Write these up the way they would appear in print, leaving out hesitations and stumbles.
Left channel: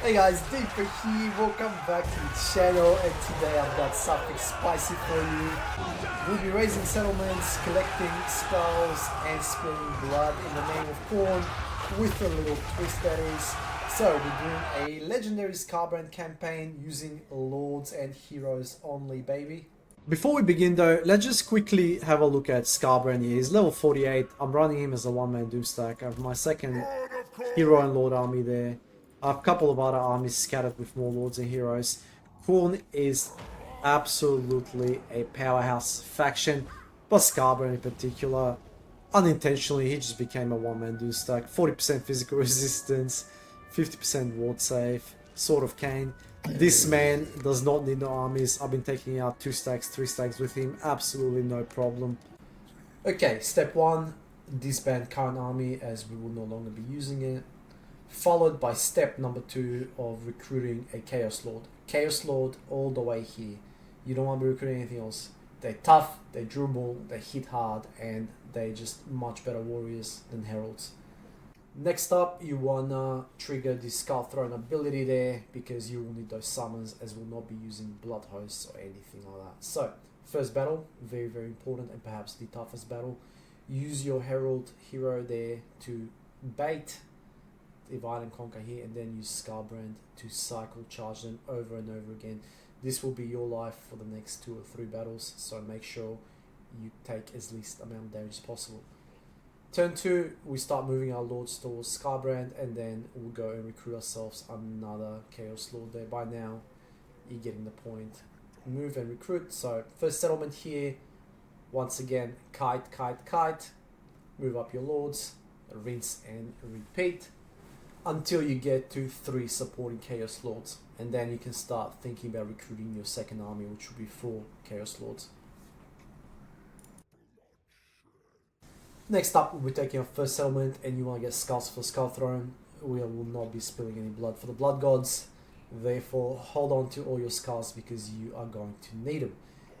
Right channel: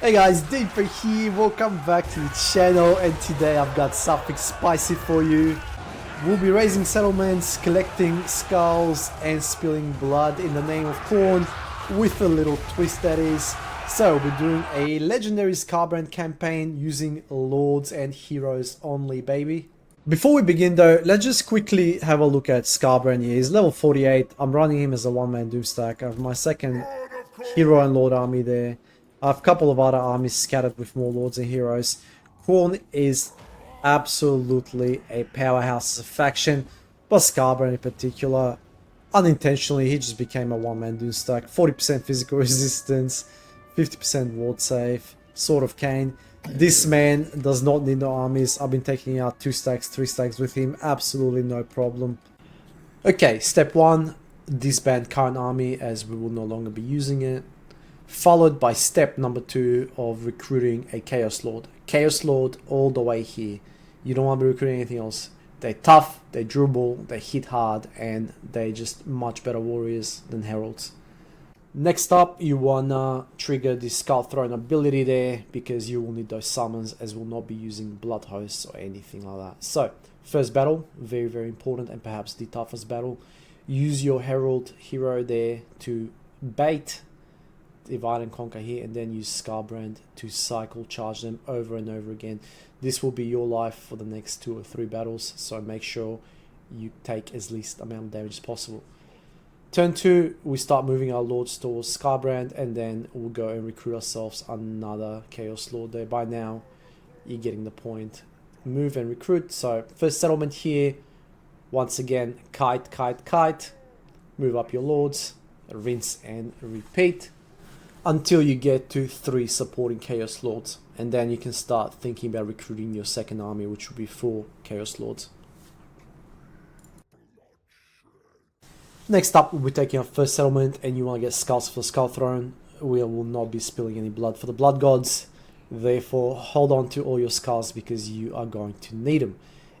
Hey guys, Deeper here, welcome back to the channel, and today I've got something spicy for you. We'll be raising settlements, collecting skulls and spilling blood in the name of corn, with a little twist that is. So we're doing a legendary Skarbrand campaign using lords and heroes only, baby. Before we begin though, let's just quickly have a look at Skarbrand here. He's level 48, I'm running him as a one-man doom stack. I have my second hero and lord army there. I have a couple of other armies scattered with more lords and heroes. Khorne is absolutely a powerhouse as a faction, but Skarbrand in particular, unintentionally, he just became a one-man doom stack. 40% physical resistance, 50% ward save, Sword of Cain. This man does not need no armies. I've been taking out 2 stacks, 3 stacks with him, absolutely no problem. Okay, step 1, disband current army as we will no longer be using it. Followed by step number 2 of recruiting a Chaos Lord. Chaos Lord all the way here. You don't want to be recruiting anything else. They're tough, they dribble, they hit hard, and they're just much better warriors than Heralds. Next up, you wanna trigger the Skull Throne ability there, because you will need those summons, as we'll not be using Blood Hosts or anything like that. So, first battle, very important, and perhaps the toughest battle. Use your Herald hero there to bait, divide and conquer here, and then use Skarbrand to cycle charge them over and over again. This will be your life for the next 2 or 3 battles, so make sure you take as least amount of damage as possible. Turn 2, we start moving our lords towards Skarbrand, and then we'll go and recruit ourselves another Chaos Lord there. By now, you're getting the point. Move and recruit. So, first settlement here, once again, kite. Move up your lords, rinse and repeat, until you get to 3 supporting Chaos Lords. And then you can start thinking about recruiting your second army, which will be 4 Chaos Lords. Next up, we'll be taking our first settlement, and you want to get skulls for the Skull Throne. We will not be spilling any blood for the Blood Gods. Therefore, hold on to all your skulls because you are going to need them.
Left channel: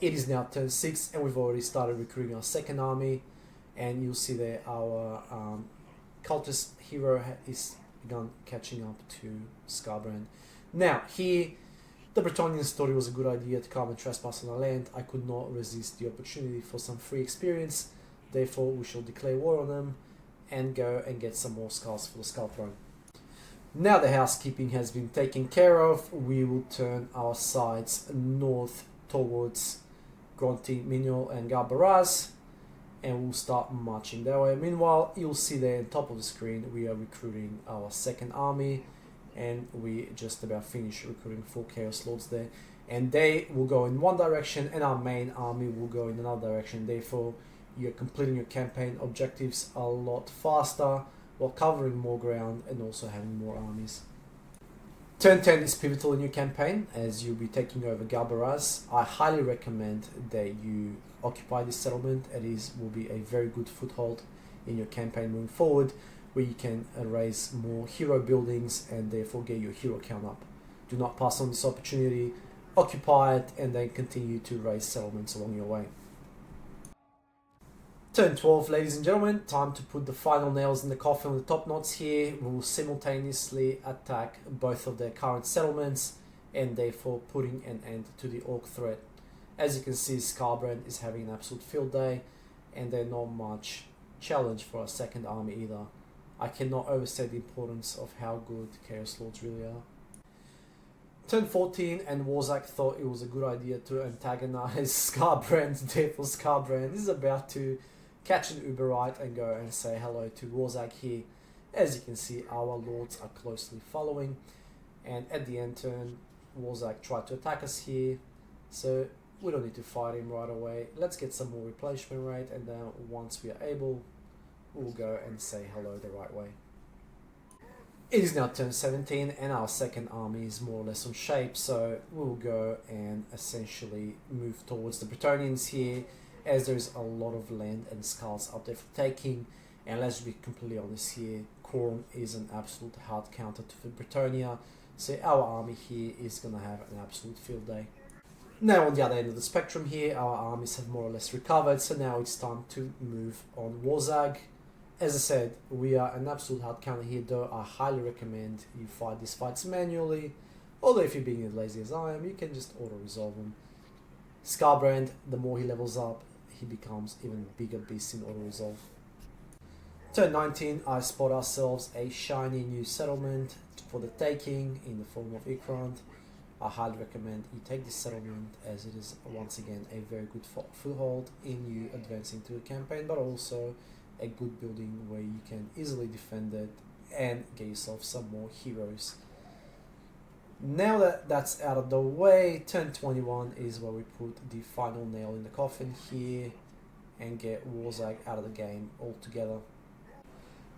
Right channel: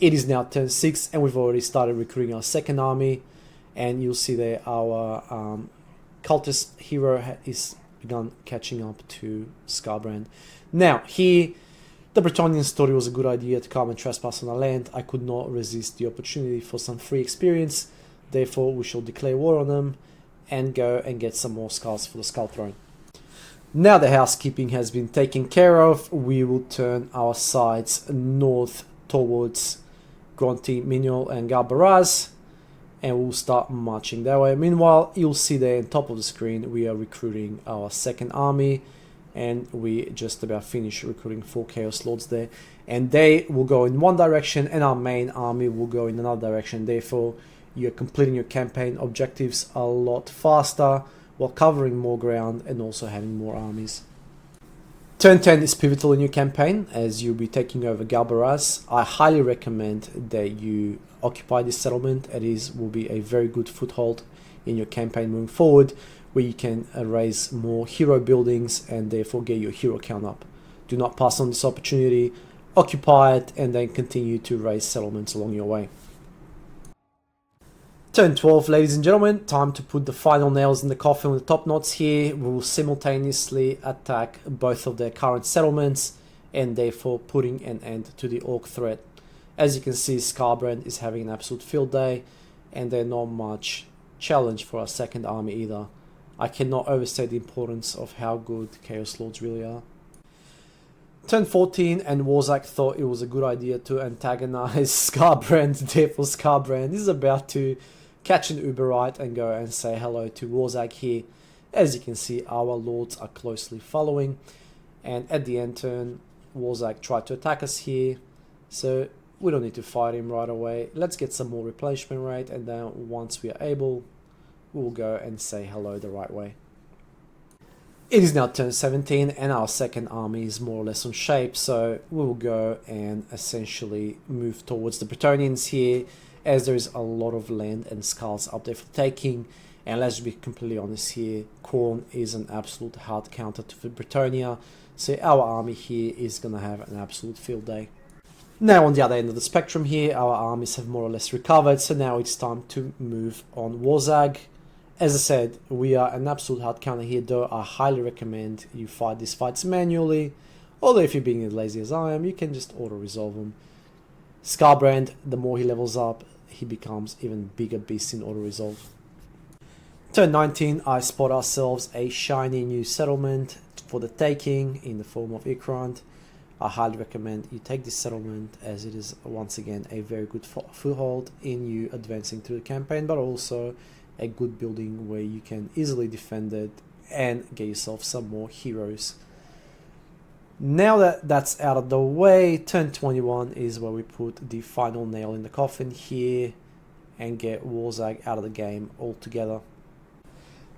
It is now turn 6, and we've already started recruiting our second army. And you'll see there our cultist hero is begun catching up to Skarbrand. Now, here, the Bretonnians thought it was a good idea to come and trespass on our land. I could not resist the opportunity for some free experience. Therefore, we shall declare war on them and go and get some more skulls for the Skull Throne. Now the housekeeping has been taken care of, we will turn our sides north towards Gronti, Miniol and Galbaraz, and we'll start marching that way. Meanwhile, you'll see there on top of the screen we are recruiting our second army, and we just about finished recruiting 4 Chaos Lords there, and they will go in one direction and our main army will go in another direction. Therefore, you're completing your campaign objectives a lot faster while covering more ground and also having more armies. Turn 10 is pivotal in your campaign as you'll be taking over Galbaraz. I highly recommend that you occupy this settlement. It will be a very good foothold in your campaign moving forward, where you can raise more hero buildings and therefore get your hero count up. Do not pass on this opportunity, occupy it, and then continue to raise settlements along your way. Turn 12, ladies and gentlemen, time to put the final nails in the coffin with the top knots here. We will simultaneously attack both of their current settlements and therefore putting an end to the orc threat. As you can see, Skarbrand is having an absolute field day, and they're not much challenge for our second army either. I cannot overstate the importance of how good Chaos Lords really are. Turn 14, and Warzak thought it was a good idea to antagonize Skarbrand. Therefore, Skarbrand is about to catch an Uber right and go and say hello to Warzak here. As you can see, our lords are closely following, and at the end turn, Warzak tried to attack us here, so we don't need to fight him right away. Let's get some more replenishment rate, and then once we are able, we'll go and say hello the right way. It is now turn 17, and our second army is more or less on shape, so we'll go and essentially move towards the Bretonnians here, as there is a lot of land and skulls up there for taking. And let's be completely honest here, Khorne is an absolute hard counter to Bretonnia, so our army here is going to have an absolute field day. Now on the other end of the spectrum here, our armies have more or less recovered, so now it's time to move on Warzag As I said, we are an absolute hard counter here, though I highly recommend you fight these fights manually, although if you're being as lazy as I am, you can just auto-resolve them. Skarbrand, the more he levels up, he becomes even bigger beast in auto-resolve. Turn 19, I spot ourselves a shiny new settlement for the taking in the form of Ikrand. I highly recommend you take this settlement, as it is once again a very good foothold in you advancing through the campaign, but also a good building where you can easily defend it and get yourself some more heroes. Now that that's out of the way, turn 21 is where we put the final nail in the coffin here and get Warzag out of the game altogether.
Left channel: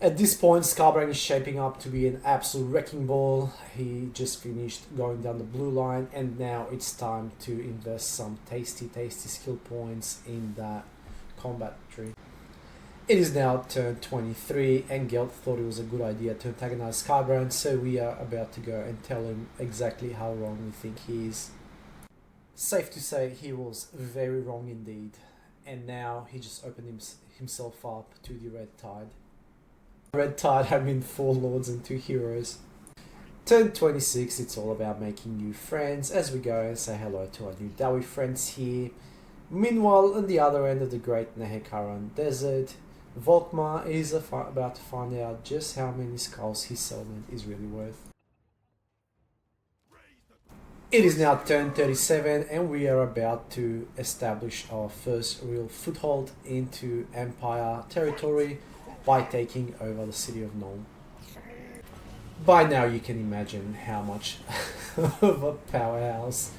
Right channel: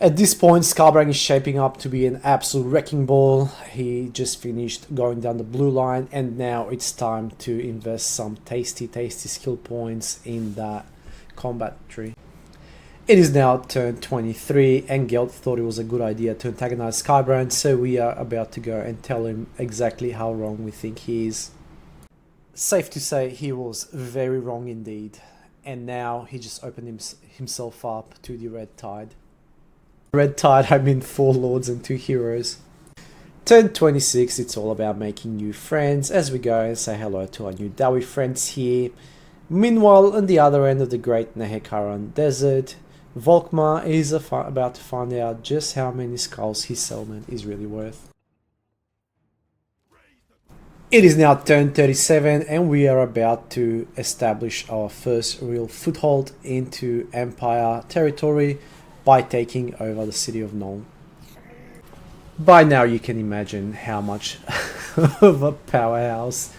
At this point, Skarbrand is shaping up to be an absolute wrecking ball. He just finished going down the blue line, and now it's time to invest some tasty skill points in that combat tree. It is now turn 23, and Gelt thought it was a good idea to antagonize Skarbrand, so we are about to go and tell him exactly how wrong we think he is. Safe to say he was very wrong indeed, and now he just opened himself up to the Red Tide. Red Tide, I mean 4 lords and 2 heroes. Turn 26, it's all about making new friends as we go and say hello to our new Dawi friends here. Meanwhile, on the other end of the Great Nehekaran Desert, Volkmar is about to find out just how many skulls his settlement is really worth. It is now turn 37 and we are about to establish our first real foothold into Empire territory by taking over the city of Nuln. By now you can imagine how much of a powerhouse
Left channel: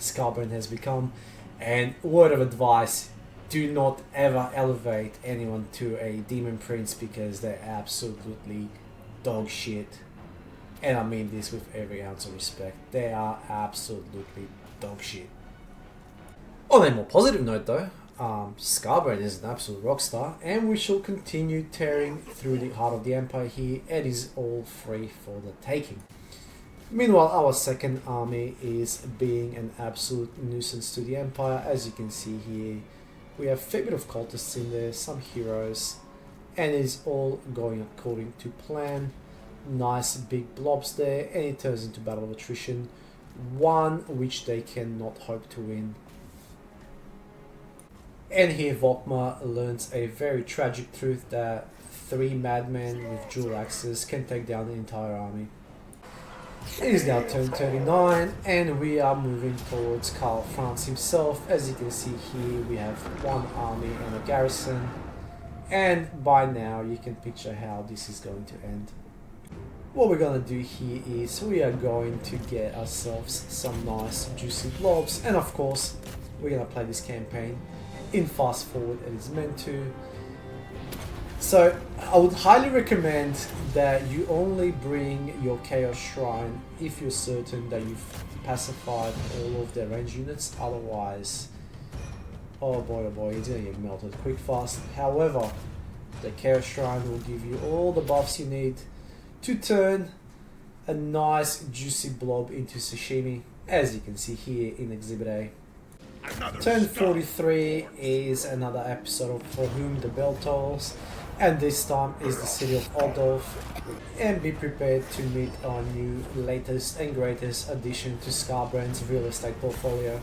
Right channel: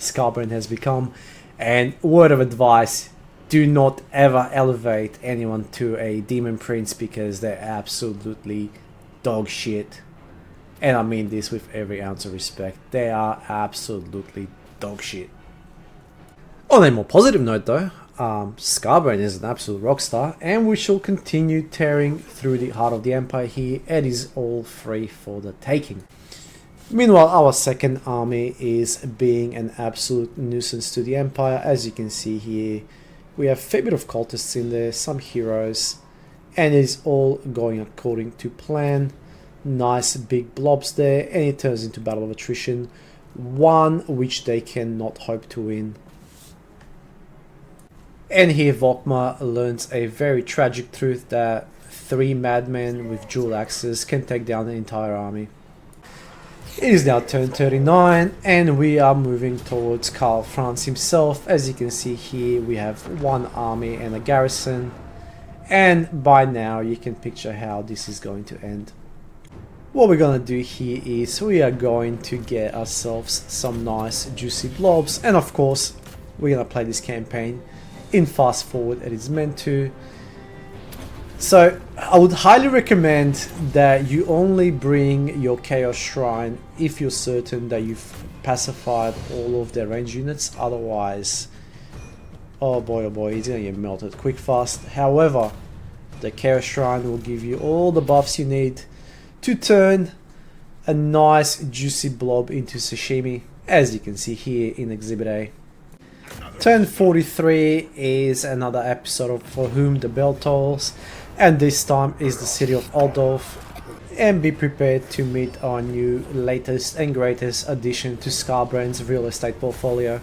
Skarbrand has become, and word of advice, do not ever elevate anyone to a demon prince because they're absolutely dog shit. And I mean this with every ounce of respect. They are absolutely dog shit. On a more positive note though, Skarbrand is an absolute rock star, and we shall continue tearing through the heart of the Empire here. It is all free for the taking. Meanwhile, our second army is being an absolute nuisance to the Empire. As you can see here, we have a fair bit of cultists in there, some heroes, and it is all going according to plan. Nice big blobs there, and it turns into battle of attrition, one which they cannot hope to win. And here Volkmar learns a very tragic truth that 3 madmen with dual axes can take down an entire army. It is now turn 39 and we are moving towards Karl Franz himself. As you can see here, we have 1 army and a garrison, and by now you can picture how this is going to end. What we're going to do here is we are going to get ourselves some nice juicy blobs, and of course we're going to play this campaign in fast forward as it's meant to. So I would highly recommend that you only bring your Chaos Shrine if you're certain that you've pacified all of their range units. Otherwise, oh boy, he's gonna get melted quick fast. However, the Chaos Shrine will give you all the buffs you need to turn a nice juicy blob into sashimi, as you can see here in Exhibit A. Turn 43 is another episode of For Whom the Bell Tolls, and this time is the city of Aldorf, and be prepared to meet our new latest and greatest addition to Skarbrand's real estate portfolio.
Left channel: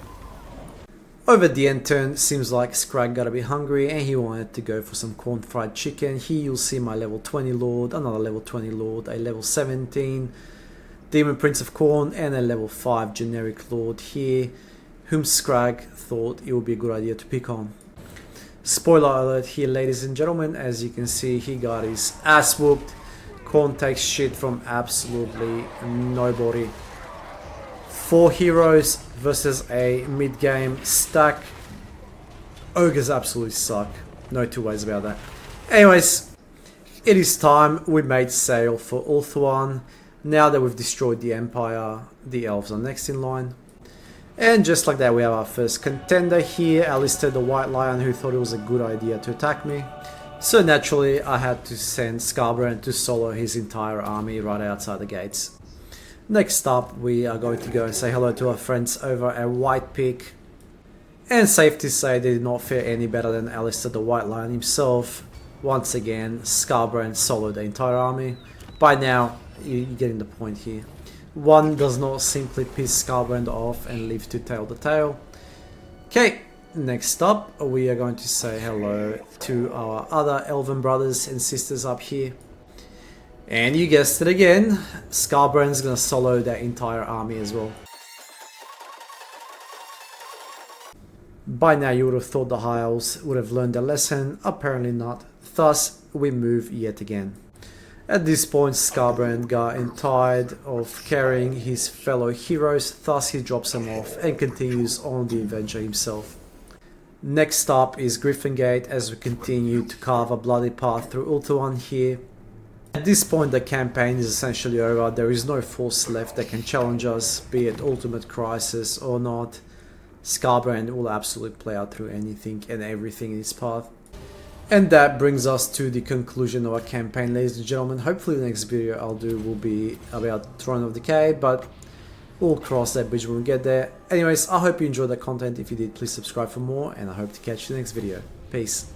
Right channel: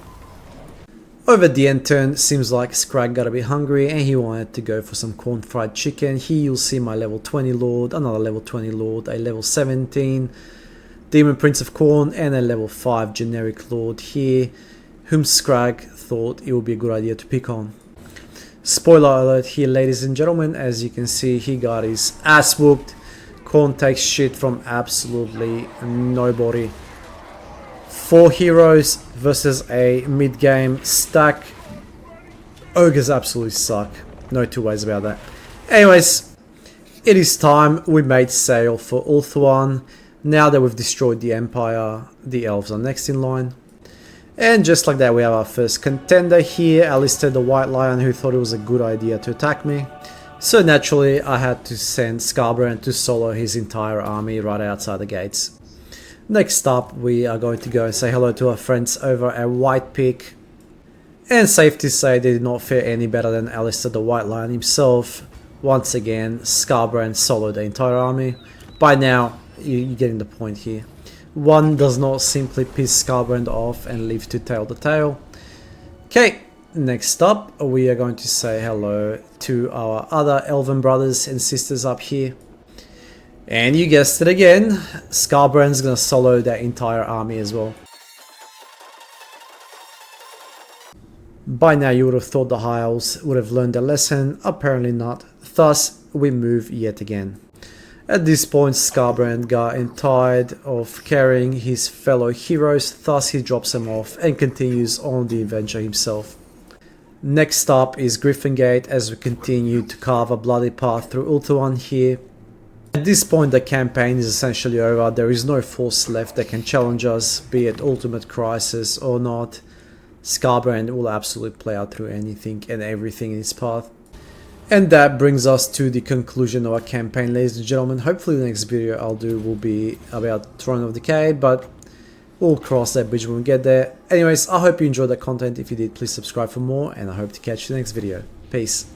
Over the end turn, seems like Scrag got a bit hungry and he wanted to go for some corn fried chicken. Here you'll see my level 20 lord, another level 20 lord, a level 17 Demon Prince of Corn, and a level 5 generic lord here, whom Scrag thought it would be a good idea to pick on. Spoiler alert here, ladies and gentlemen, as you can see, he got his ass whooped. Corn takes shit from absolutely nobody. 4 heroes versus a mid-game stack. Ogres absolutely suck. No 2 ways about that. Anyways, it is time. We made sail for Ulthuan. Now that we've destroyed the Empire, the elves are next in line. And just like that, we have our first contender here, Alistair the White Lion, who thought it was a good idea to attack me. So naturally, I had to send Skarbrand to solo his entire army right outside the gates. Next up, we are going to go and say hello to our friends over at White Peak. And safe to say, they did not fare any better than Alistair the White Lion himself. Once again, Skarbrand soloed the entire army. By now, you're getting the point here. One does not simply piss Skarbrand off and live to tell the tale. Okay, next up, we are going to say hello to our other elven brothers and sisters up here. And you guessed it again, Skarbrand's gonna solo that entire army as well. By now you would have thought the High Elves would have learned their lesson, apparently not. Thus, we move yet again. At this point, Skarbrand got tired of carrying his fellow heroes, thus he drops them off and continues on the adventure himself. Next up is Griffingate as we continue to carve a bloody path through Ultuan here. At this point the campaign is essentially over, there is no force left that can challenge us, be it Ultimate Crisis or not. Skarbrand will absolutely play out through anything and everything in its path. And that brings us to the conclusion of our campaign, ladies and gentlemen. Hopefully the next video I'll do will be about Throne of Decay, but we'll cross that bridge when we get there. Anyways, I hope you enjoyed that content. If you did, please subscribe for more, and I hope to catch you in the next video. Peace.